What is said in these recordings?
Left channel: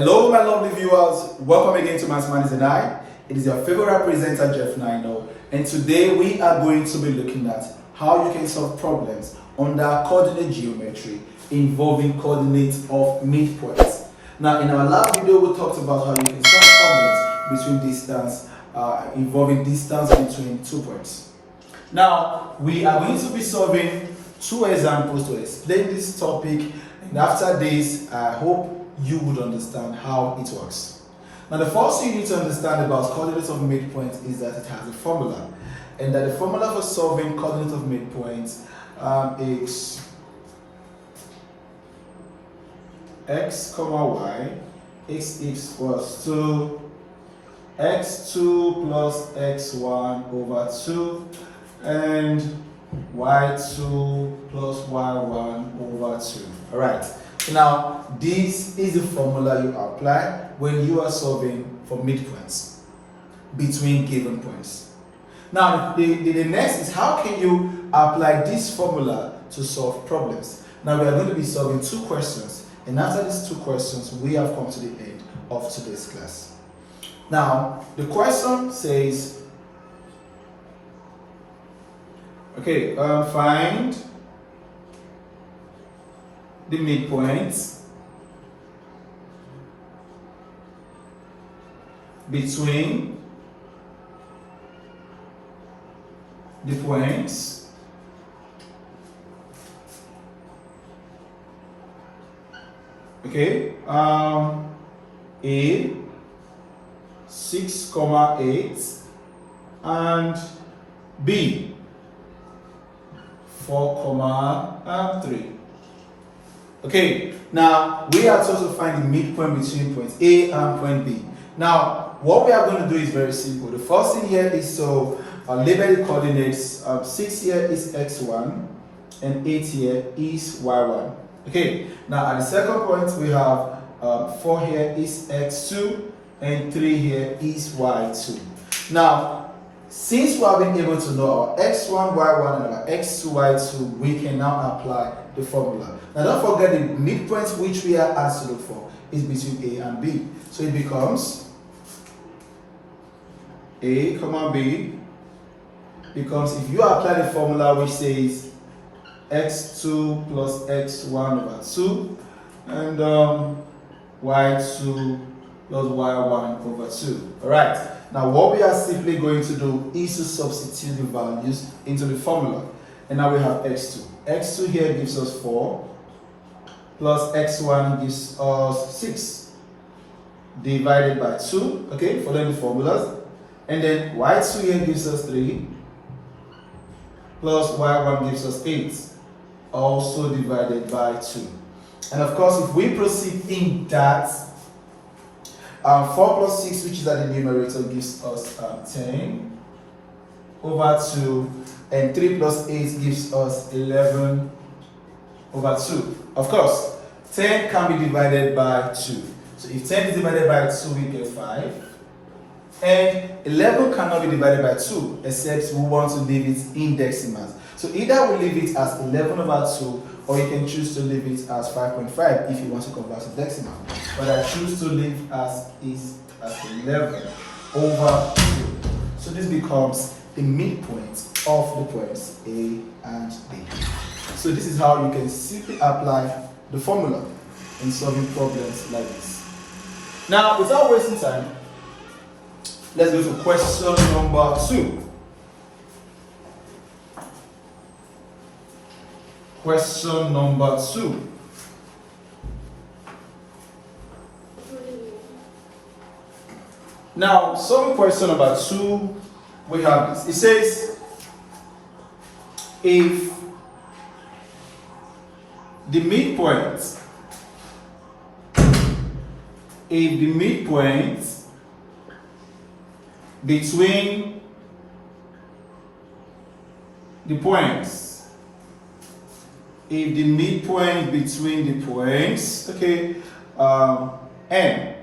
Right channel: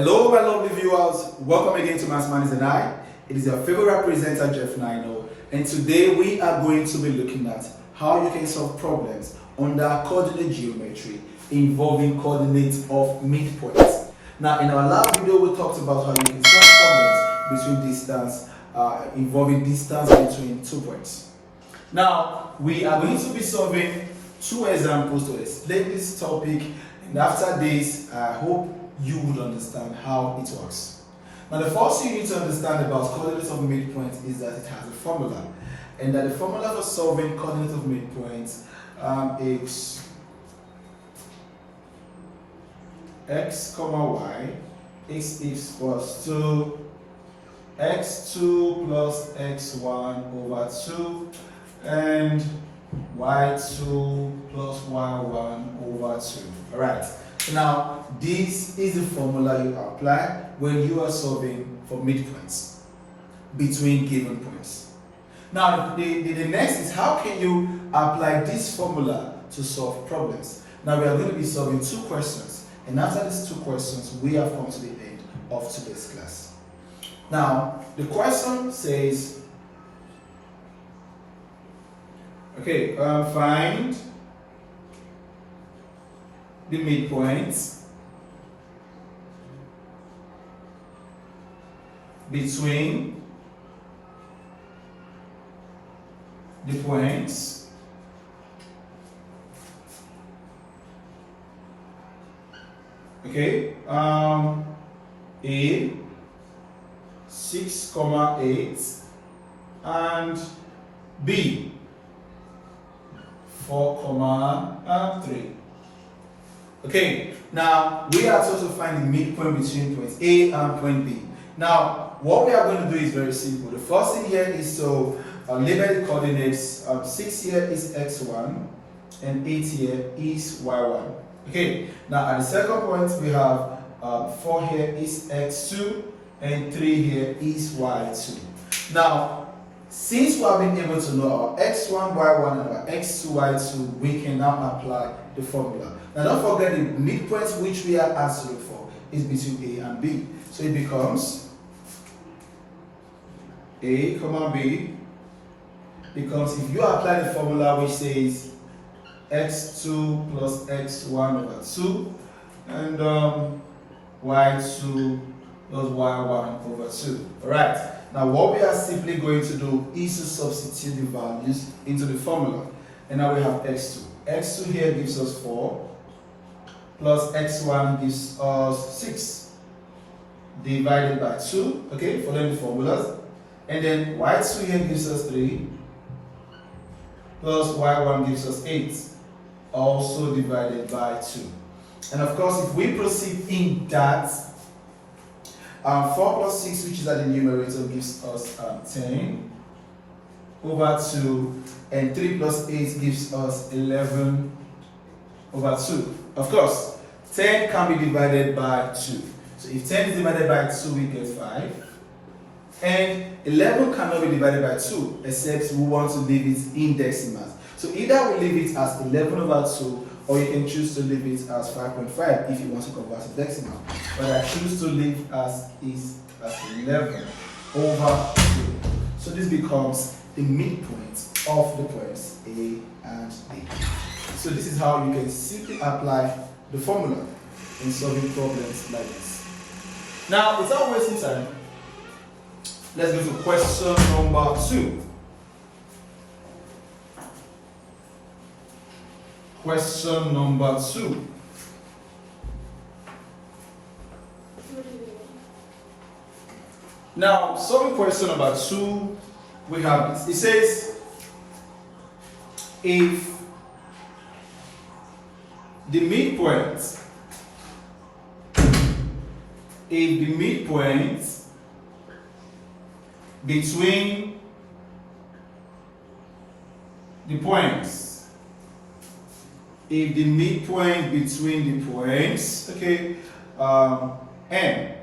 Hello, my lovely viewers. Welcome again to Mathematics and I. It is your favorite presenter, Jeff Nino, and today we are going to be looking at how you can solve problems under coordinate geometry involving coordinates of midpoints. Now, in our last video, we talked about how you can solve problems involving distance between 2 points. Now, we are going to be solving two examples to explain this topic, and after this, I hope you would understand how it works. Now, the first thing you need to understand about coordinates of midpoint is that it has a formula, and that the formula for solving coordinates of midpoints is x comma y is equals to x2 plus x1 over 2 and y2 plus y1 over 2. All right. Now, this is the formula you apply when you are solving for midpoints between given points. Now, the next is how can you apply this formula to solve problems. Now, we are going to be solving two questions, and after these two questions, we have come to the end of today's class. Now, the question says, okay, find the midpoints between the points A 6, 8 and B 4, 3. Okay, now we are told to find the midpoint between point A and point B. Now, what we are going to do is very simple. The first thing here is to label the coordinates. 6 here is x1 and 8 here is y1. Okay, now at the second point we have 4 here is x2 and 3 here is y2. Now, since we have been able to know our x1, y1 and our x2, y2, we can now apply the formula. Now, don't forget the midpoints which we are asked to look for is between A and B. So it becomes A comma B, because if you apply the formula which says x2 plus x1 over 2 and y2 plus y1 over 2. Alright, now what we are simply going to do is to substitute the values into the formula. And now we have x2. x2 here gives us 4, plus x1 gives us 6, divided by 2, okay, following the formulas. And then y2 here gives us 3, plus y1 gives us 8, also divided by 2. And of course, if we proceed in that, 4 plus 6, which is at the numerator, gives us 10 over 2, and 3 plus 8 gives us 11 over 2. Of course, 10 can be divided by 2. So if 10 is divided by 2, we get 5. And 11 cannot be divided by 2, except we want to leave it in decimals. So either we leave it as 11 over 2, or you can choose to leave it as 5.5 if you want to convert to decimal. But I choose to leave as 11 over 2. So this becomes the midpoint of the points A and B. So this is how you can simply apply the formula in solving problems like this. Now, without wasting time, let's go to question number 2. Question number 2. Now, some question number 2, we have this. It says, if the midpoint between the points, okay, n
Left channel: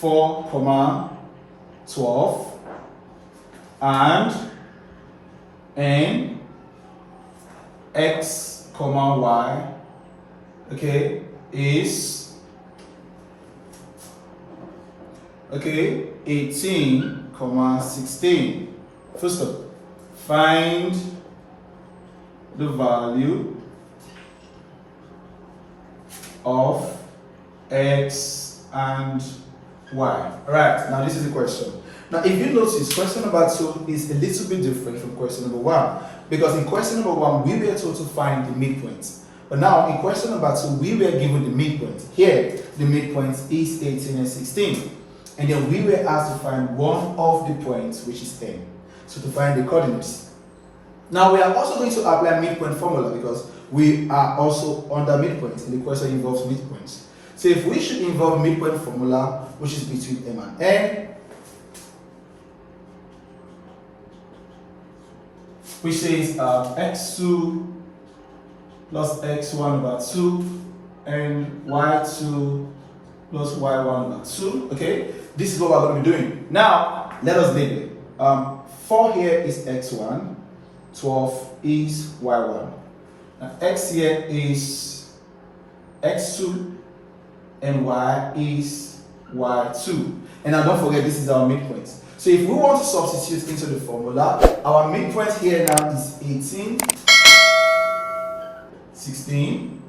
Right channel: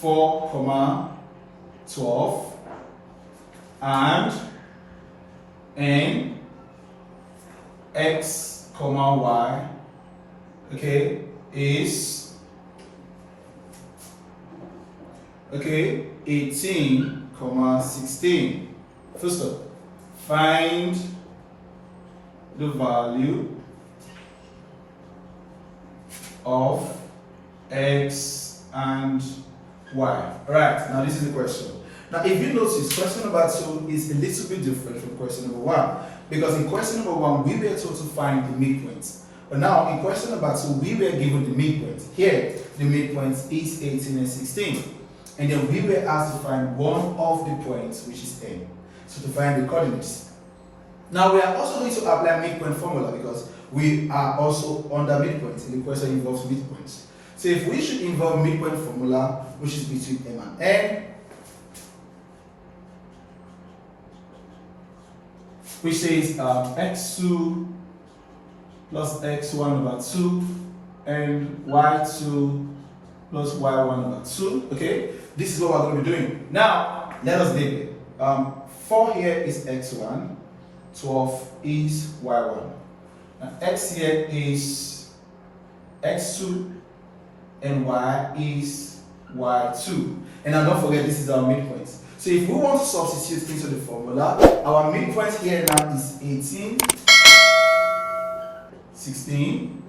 4, 12 and n x, y, okay, is Okay, 18, comma 16. Full stop. Find the value of x and y. Alright, now this is the question. Now if you notice, question number 2 is a little bit different from question number 1, because in question number 1 we were told to find the midpoint, but now in question number 2 we were given the midpoint. Here the midpoint is 18 and 16, and then we were asked to find one of the points, which is 10. So to find the coordinates. Now we are also going to apply midpoint formula because we are also under midpoint, and the question involves midpoints. So if we should involve midpoint formula, which is between m and n, which says x2 plus x1 over 2 and y2 plus y1 over 2. Okay, this is what we're going to be doing. Now let us label it. 4 here is x1, 12 is y1. Now x here is x2 and y is y2. And now don't forget, this is our midpoint. So if we want to substitute into the formula, our midpoint here now is 18, 16.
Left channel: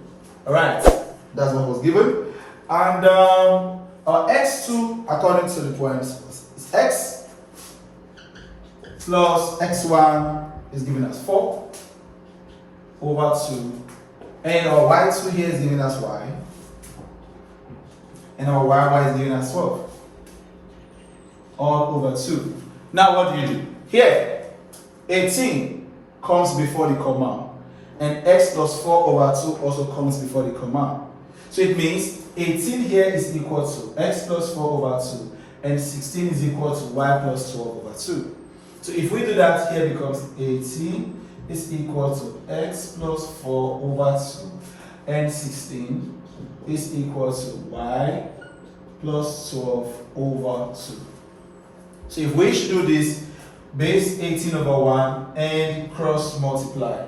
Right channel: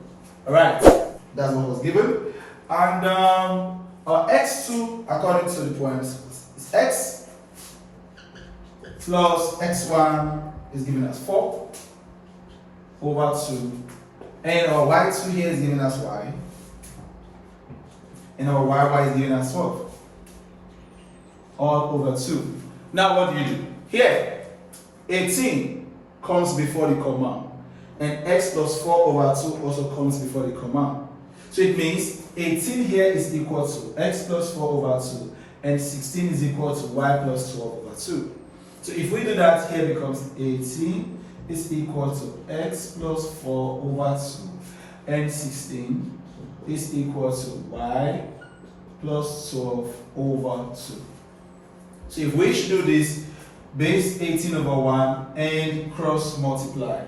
Alright, that's what was given. And our x2, according to the points, is x plus x1 is given as 4 over 2. And our y2 here is given as y. And our yy is given as 12. All over 2. Now what do? Here, 18 comes before the comma. And x plus 4 over 2 also comes before the comma. So it means 18 here is equal to x plus 4 over 2. And 16 is equal to y plus 12 over 2. So if we do that, here becomes 18 is equal to x plus 4 over 2. And 16 is equal to y plus 12 over 2. So if we should do this, base 18 over 1 and cross multiply.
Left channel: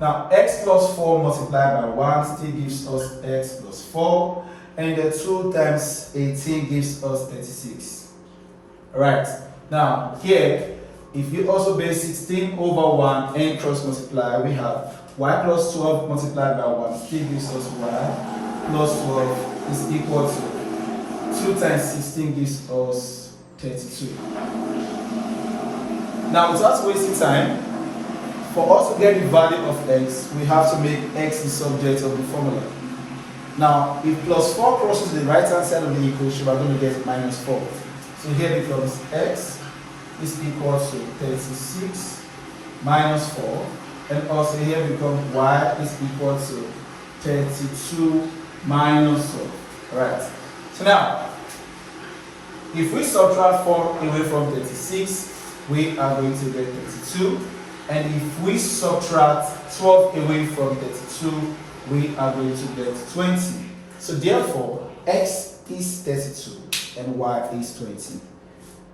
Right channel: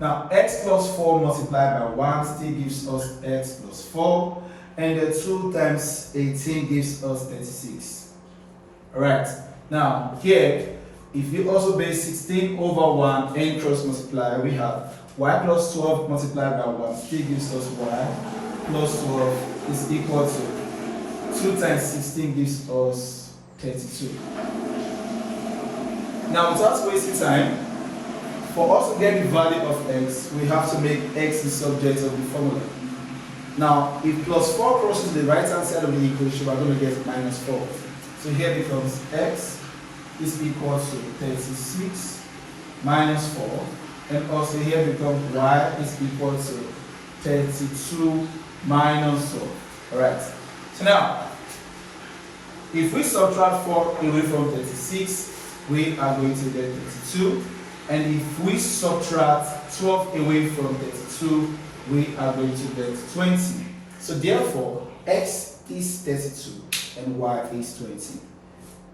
Now x plus 4 multiplied by 1 still gives us x plus 4, and the 2 times 18 gives us 36. Alright, now here, if you also base 16 over 1 and cross multiply, we have y plus 12 multiplied by 1 still gives us y plus 12 is equal to 2 times 16 gives us 32. Now, without wasting time, for us to get the value of x, we have to make x the subject of the formula. Now, if plus 4 crosses the right hand side of the equation, we're going to get minus 4. So here becomes x is equal to 36 minus 4, and also here becomes y is equal to 32 minus 4. Alright, so now if we subtract 4 away from 36, we are going to get 32, and if we subtract 12 away from 32, we are going to get 20. So therefore x is 32 and y is 20.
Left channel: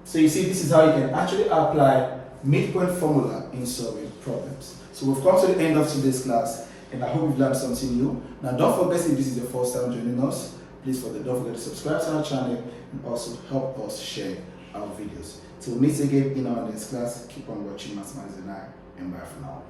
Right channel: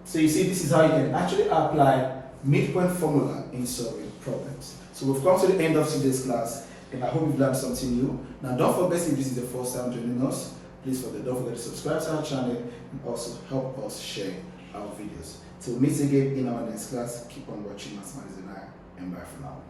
So you see, this is how you can actually apply midpoint formula in solving problems. So we've come to the end of today's class, and I hope you've learned something new. Now don't forget, if this is the first time joining us, please don't forget to subscribe to our channel and also help us share our videos. Till we meet again in our next class, keep on watching Mathematics and I, and bye for now.